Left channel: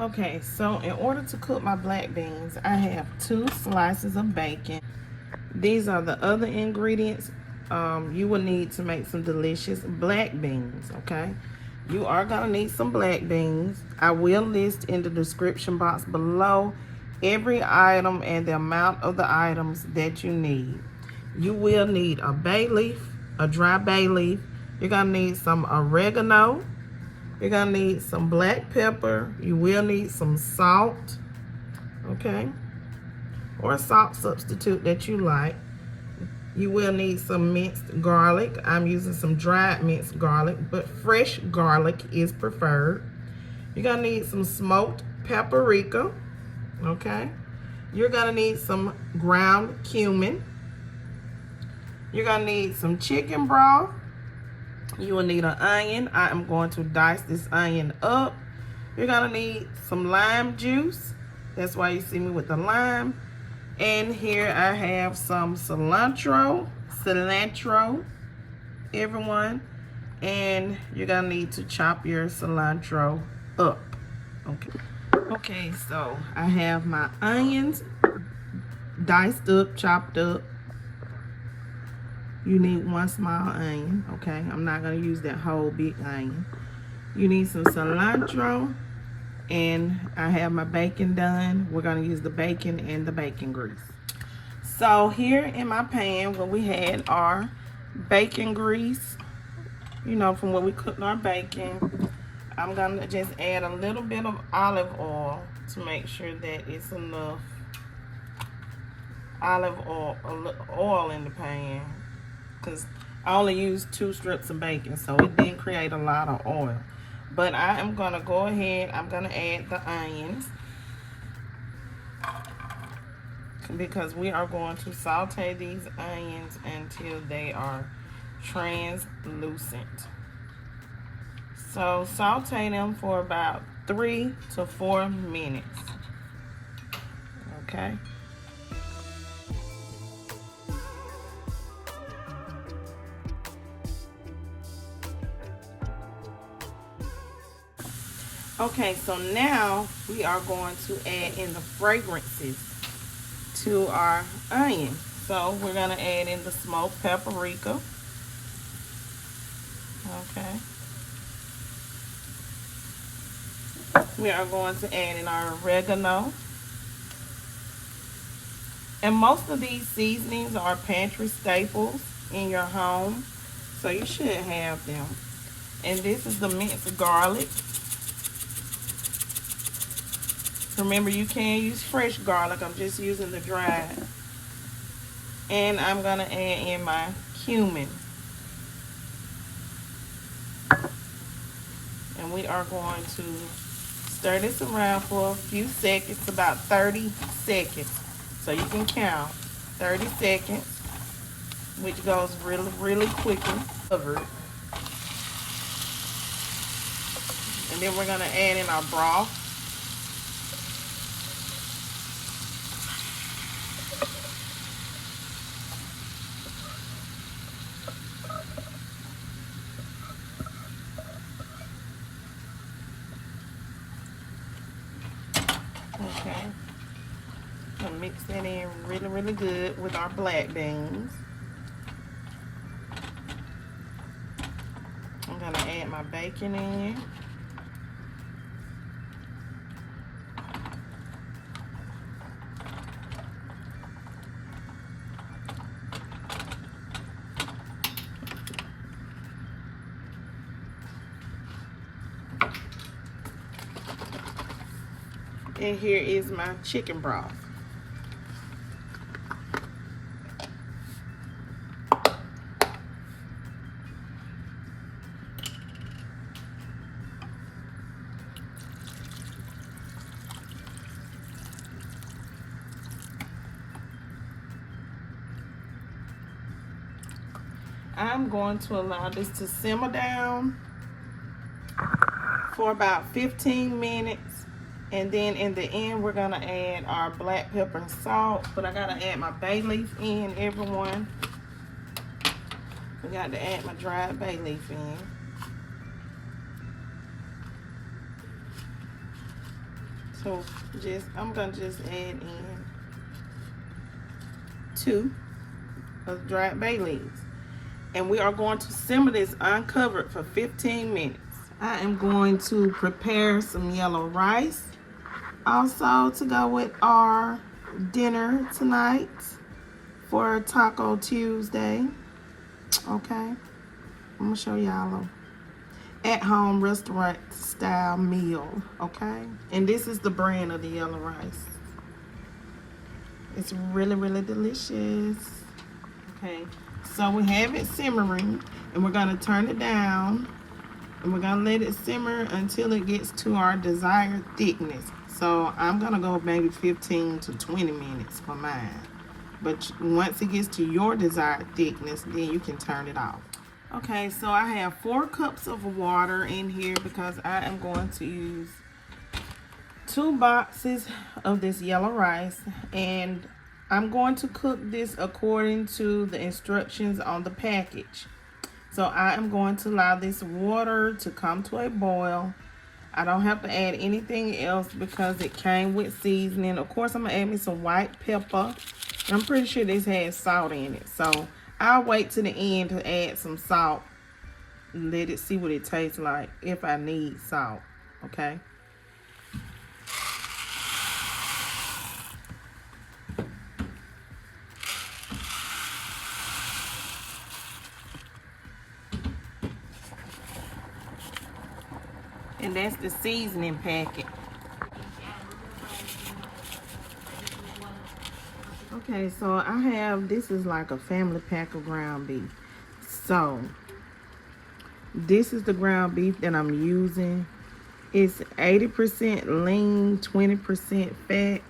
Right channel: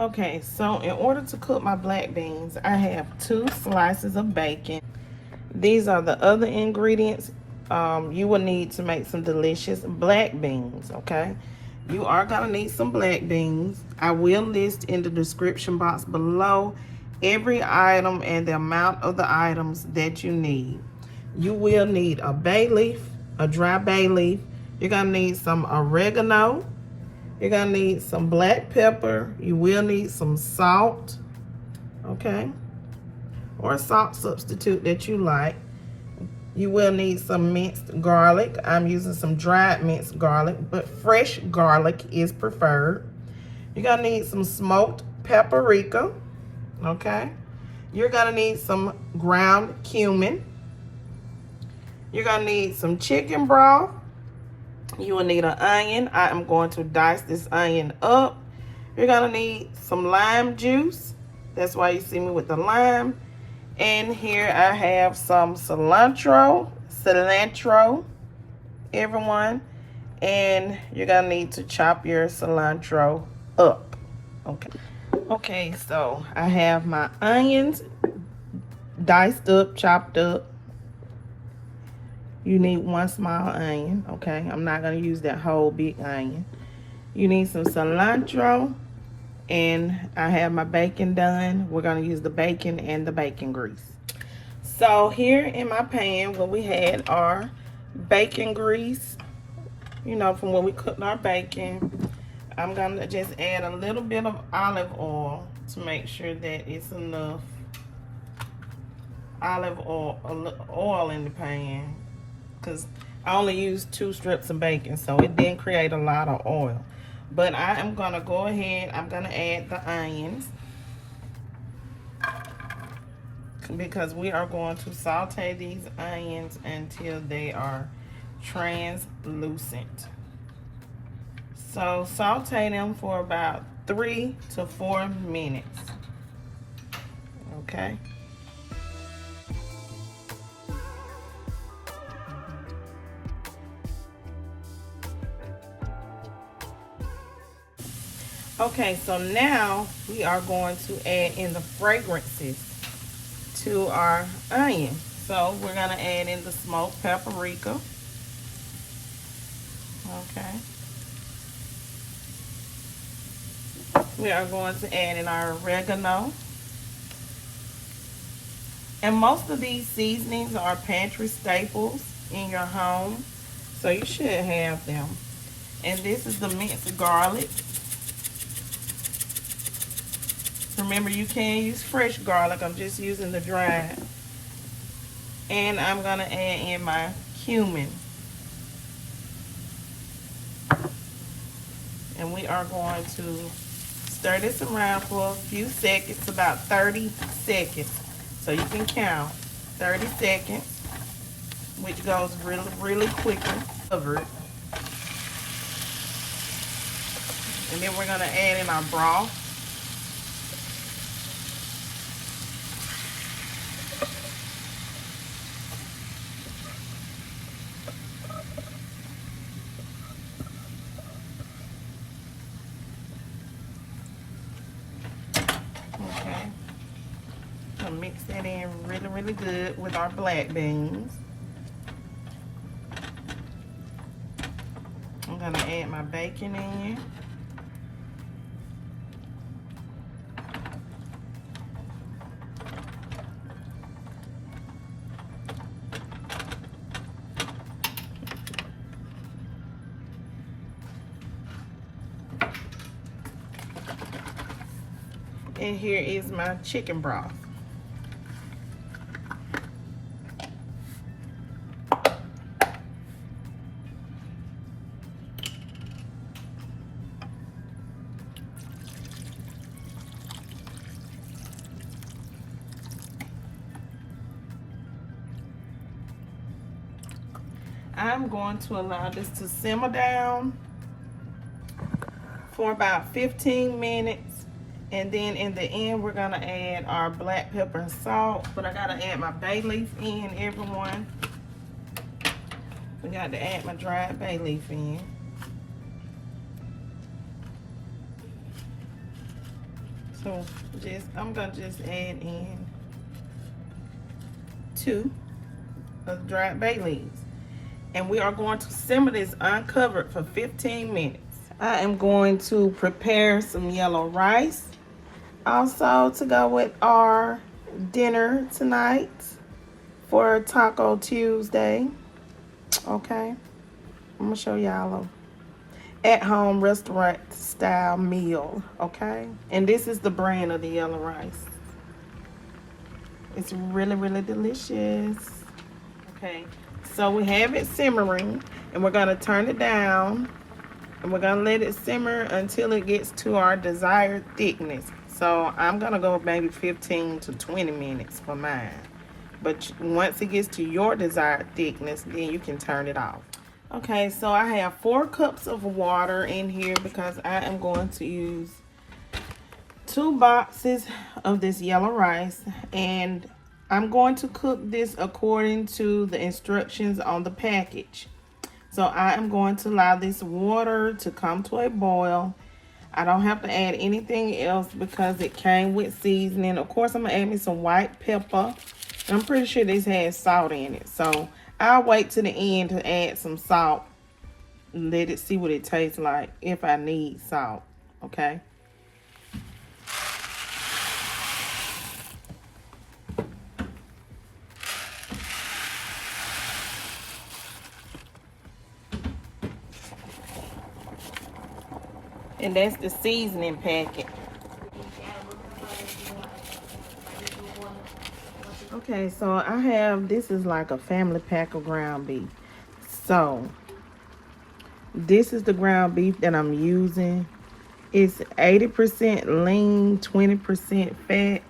Okay, so in order to cook my black beans, I have 2 slices of bacon. These are the other ingredients you will need to make some delicious black beans, okay? You are gonna need some black beans. I will list in the description box below every item and the amount of the items that you need. You will need a bay leaf, a dry bay leaf. You're gonna need some oregano. You're gonna need some black pepper. You will need some salt, okay? Or a salt substitute that you like. You will need some minced garlic. I'm using some dried minced garlic, but fresh garlic is preferred. You're gonna need some smoked paprika, okay? You're gonna need some ground cumin. You're gonna need some chicken broth. You will need an onion. I am going to dice this onion up. You're gonna need some lime juice. That's why you see me with the lime. And here I have some cilantro, everyone. And you're gonna need to chop your cilantro up, okay? Okay, so I have my onions diced up, chopped up. You need 1 small onion, okay? I'm not gonna use that whole big onion. You need some cilantro, and I have my bacon done. We're gonna use the bacon and the bacon grease. So here in my pan, what we had are bacon grease, you know, from when we cooked our bacon. I'm gonna just add a little bit of olive oil to make sure that it's enough olive oil in the pan, because I only used 2 strips of bacon, so it didn't create a lot of oil. But I am gonna go ahead, I'm gonna add the onions, because we are going to saute these onions until they are translucent. So saute them for about 3 to 4 minutes, okay? Okay, so now we are going to add in the fragrances to our onion. So we're gonna add in the smoked paprika. Okay. We are going to add in our oregano. And most of these seasonings are pantry staples in your home, so you should have them. And this is the minced garlic. Remember, you can use fresh garlic. I'm just using the dried. And I'm gonna add in my cumin. And we are going to stir this around for a few seconds, about 30 seconds. So you can count 30 seconds, which goes really, really quickly. Covered. And then we're gonna add in our broth. Okay, I'll mix that in really, really good with our black beans. I'm gonna add my bacon in. And here is my chicken broth. I'm going to allow this to simmer down for about 15 minutes. And then in the end, we're gonna add our black pepper and salt. But I gotta add my bay leaf in, everyone. I got to add my dried bay leaf in. So I'm gonna just add in 2 of dried bay leaves. And we are going to simmer this uncovered for 15 minutes. I am going to prepare some yellow rice. Also to go with our dinner tonight for Taco Tuesday. Okay. I'm gonna show y'all a at-home restaurant style meal. Okay. And this is the brand of the yellow rice. It's really, really delicious. Okay. So we have it simmering, and we're gonna turn it down, and we're gonna let it simmer until it gets to our desired thickness. So I'm gonna go maybe 15 to 20 minutes for mine. But once it gets to your desired thickness, then you can turn it off. Okay, so I have 4 cups of water in here because I am going to use 2 boxes of this yellow rice, and I'm going to cook this according to the instructions on the package. So I am going to allow this water to come to a boil. I don't have to add anything else because it came with seasoning. Of course, I'm going to add me some white pepper. I'm pretty sure this has salt in it. So I'll wait to the end to add some salt and let it see what it tastes like if I need salt. Okay. And that's the seasoning packet. Okay, so I have, this is like a family pack of ground beef. So, this is the ground beef that I'm using. It's 80% lean, 20% fat.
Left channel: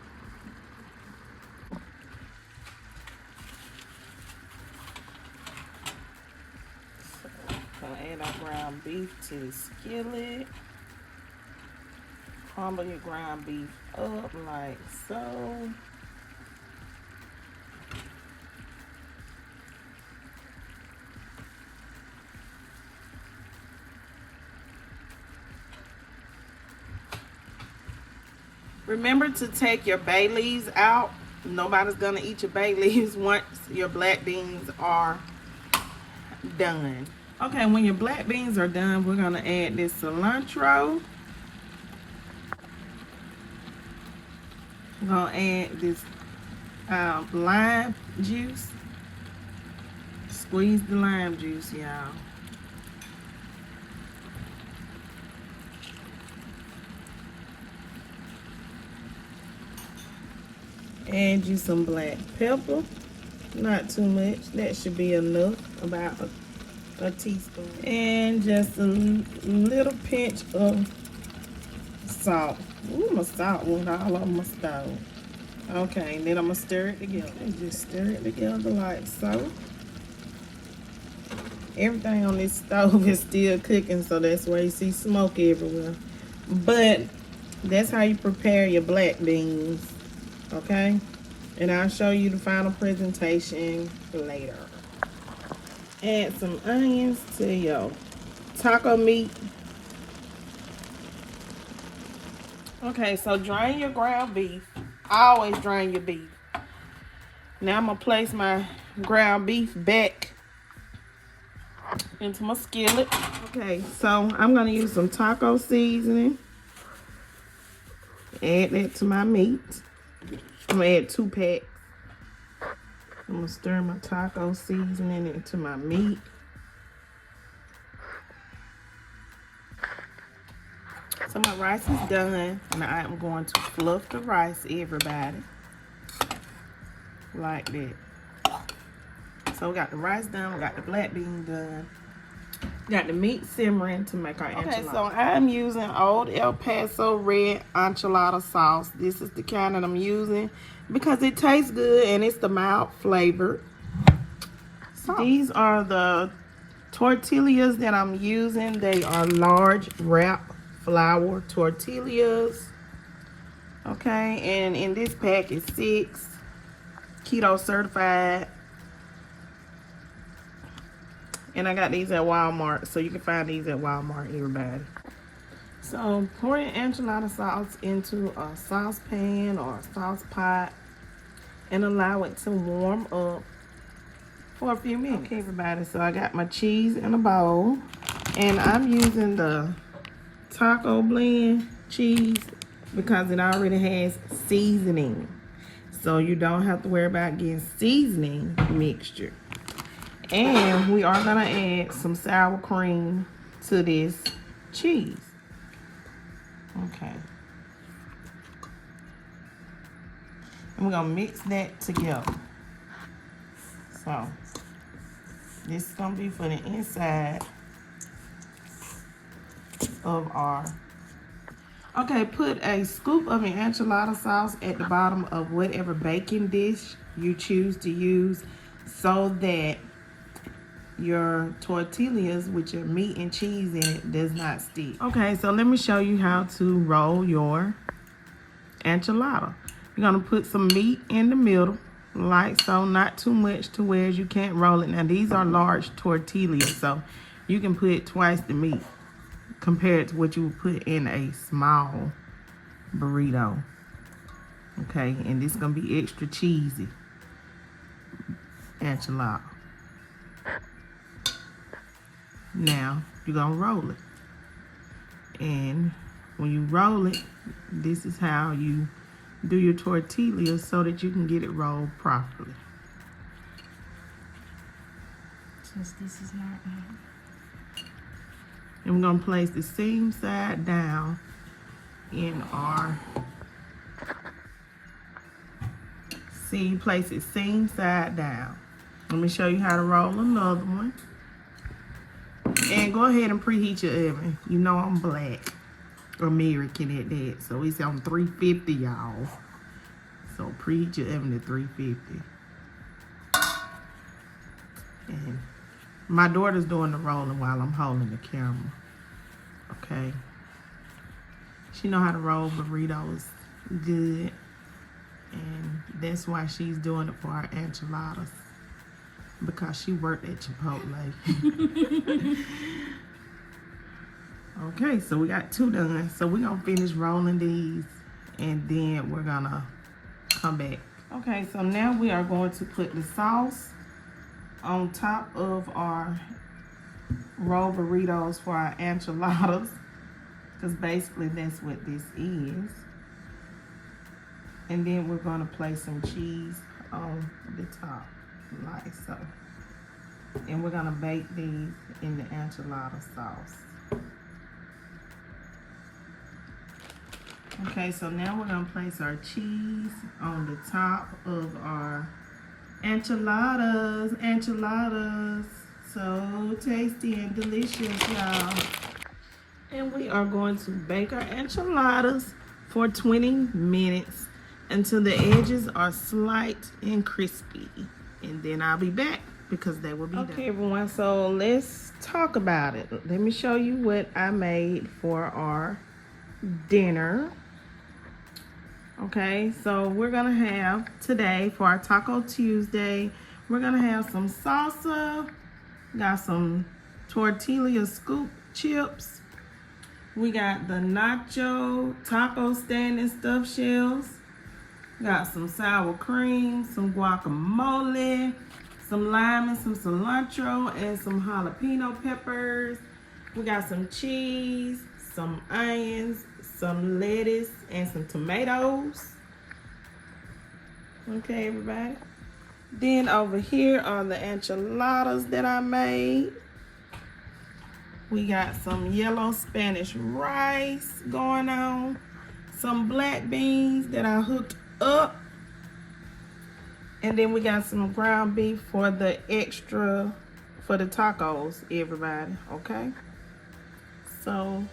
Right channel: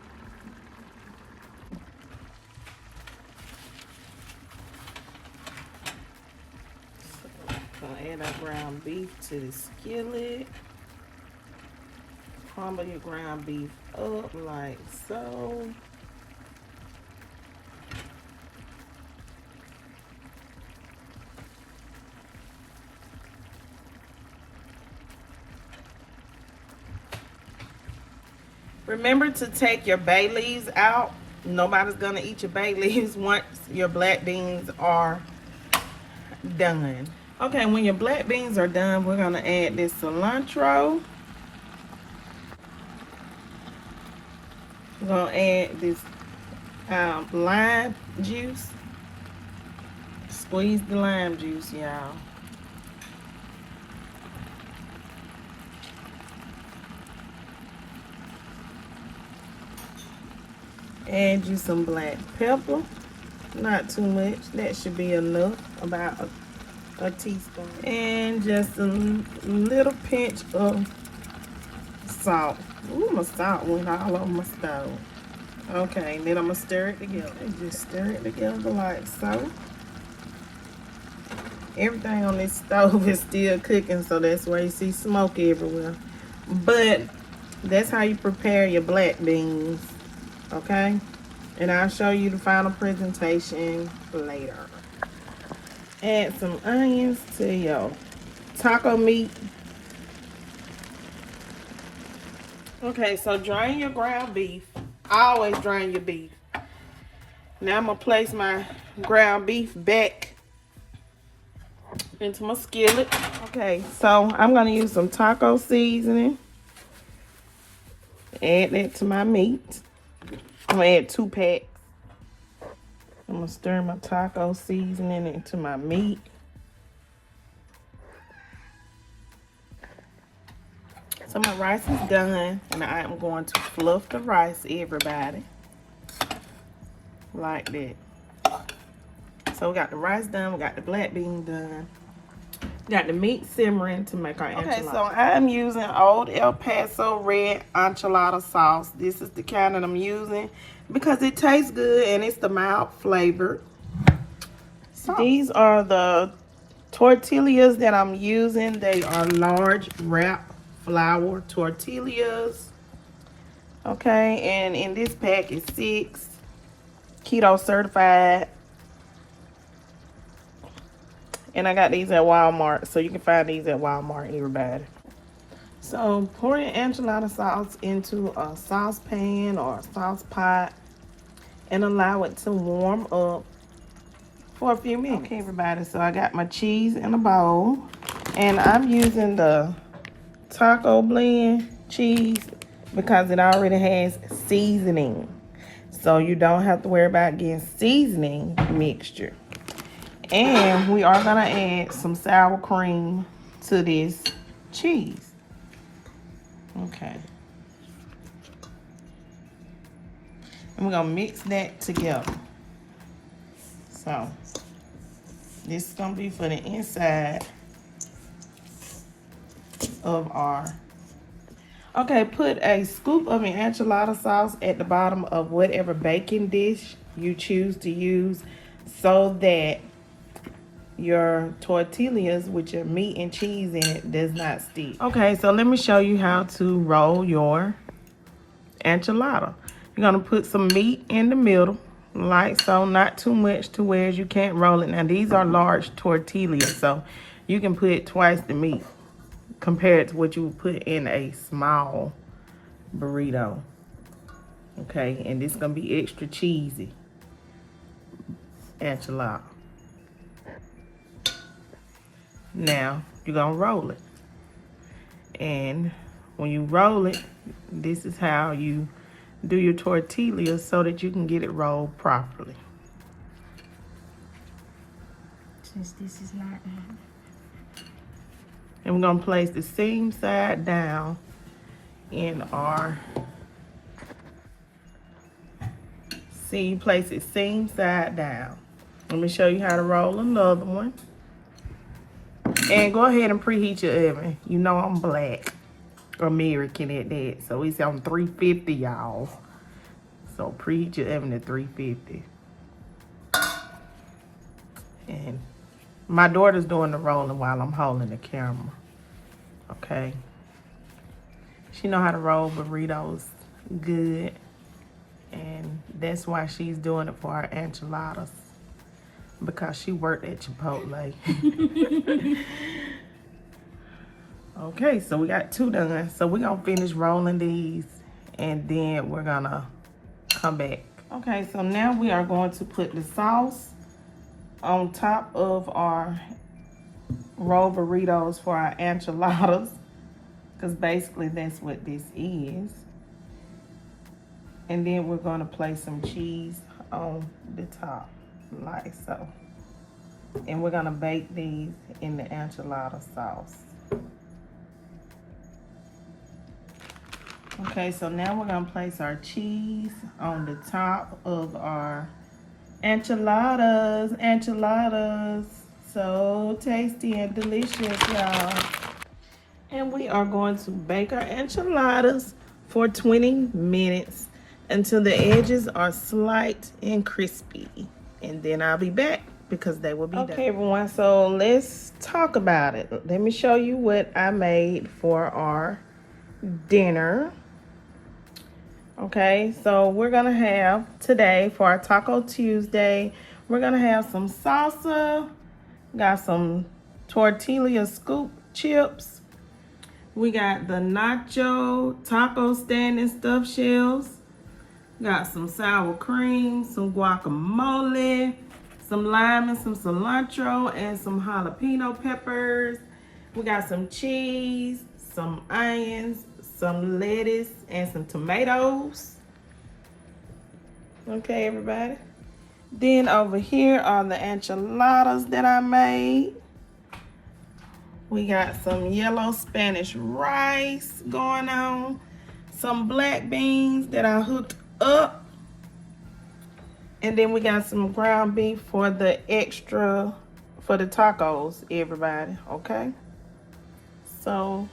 So, I'm gonna add our ground beef to the skillet. Crumble your ground beef up like so. Remember to take your bay leaves out. Nobody's gonna eat your bay leaves once your black beans are done. Okay, when your black beans are done, we're gonna add this cilantro. We're gonna add this lime juice. Squeeze the lime juice, y'all. Add you some black pepper. Not too much. That should be enough. About a teaspoon. And just a little pinch of salt. Ooh, my salt went all over my stove. Okay, and then I'm gonna stir it together. And just stir it together like so. Everything on this stove is still cooking, so that's why you see smoke everywhere. But that's how you prepare your black beans. Okay? And I'll show you the final presentation later. Add some onions to your taco meat. Okay, so drain your ground beef. Always drain your beef. Now I'm gonna place my ground beef back into my skillet. Okay, so I'm gonna use some taco seasoning. Add that to my meat. I'm gonna add 2 packs. I'm gonna stir my taco seasoning into my meat. So my rice is done, and I am going to fluff the rice, everybody, like that. So we got the rice done, we got the black bean done, got the meat simmering to make our enchilada. Okay, so I'm using Old El Paso red enchilada sauce. This is the kind that I'm using because it tastes good and it's the mild flavored sauce. These are the tortillas that I'm using. They are large wrap flour tortillas. Okay, and in this pack is 6, keto certified. And I got these at Walmart, so you can find these at Walmart, everybody. So pour your enchilada sauce into a saucepan or a sauce pot and allow it to warm up for a few minutes. Okay, everybody, so I got my cheese in a bowl, and I'm using the taco blend cheese because it already has seasoning. So you don't have to worry about getting seasoning mixture. And we are gonna add some sour cream to this cheese. Okay. And we're gonna mix that together. So this is gonna be for the inside of our. Okay, put a scoop of your enchilada sauce at the bottom of whatever baking dish you choose to use so that your tortillas with your meat and cheese in it does not stick. Okay, so let me show you how to roll your enchilada. You're gonna put some meat in the middle, like so, not too much to where you can't roll it. Now these are large tortillas, so you can put twice the meat compared to what you would put in a small burrito. Okay, and this is gonna be extra cheesy enchilada. Now you're gonna roll it, and when you roll it, this is how you do your tortillas so that you can get it rolled properly. Since this is not and we're gonna place the same side down in our, see, place it same side down. Let me show you how to roll another one. And go ahead and preheat your oven. You know I'm black American at that, so it's on 350, y'all. So preheat your oven to 350. And my daughter's doing the rolling while I'm holding the camera. Okay. She know how to roll burritos good, and that's why she's doing it for our enchiladas, because she worked at Chipotle. Okay, so we got 2 done. So we're gonna finish rolling these, and then we're gonna come back. Okay, so now we are going to put the sauce on top of our rolled burritos for our enchiladas, because basically that's what this is. And then we're gonna place some cheese on the top, like so. And we're gonna bake these in the enchilada sauce. Okay, so now we're gonna place our cheese on the top of our enchiladas. Enchiladas, so tasty and delicious, y'all. And we are going to bake our enchiladas for 20 minutes until the edges are slight and crispy. And then I'll be back because they will be done. Okay, everyone, so let's talk about it. Let me show you what I made for our dinner. Okay, so we're gonna have today for our Taco Tuesday, we're gonna have some salsa, got some tortilla scoop chips, we got the nacho taco stand and stuffed shells, got some sour cream, some guacamole, some lime and some cilantro, and some jalapeno peppers. We got some cheese, some onions, some lettuce, and some tomatoes. Okay, everybody. Then over here are the enchiladas that I made. We got some yellow Spanish rice going on, some black beans that I hooked up, and then we got some ground beef for the extra, for the tacos, everybody, okay? So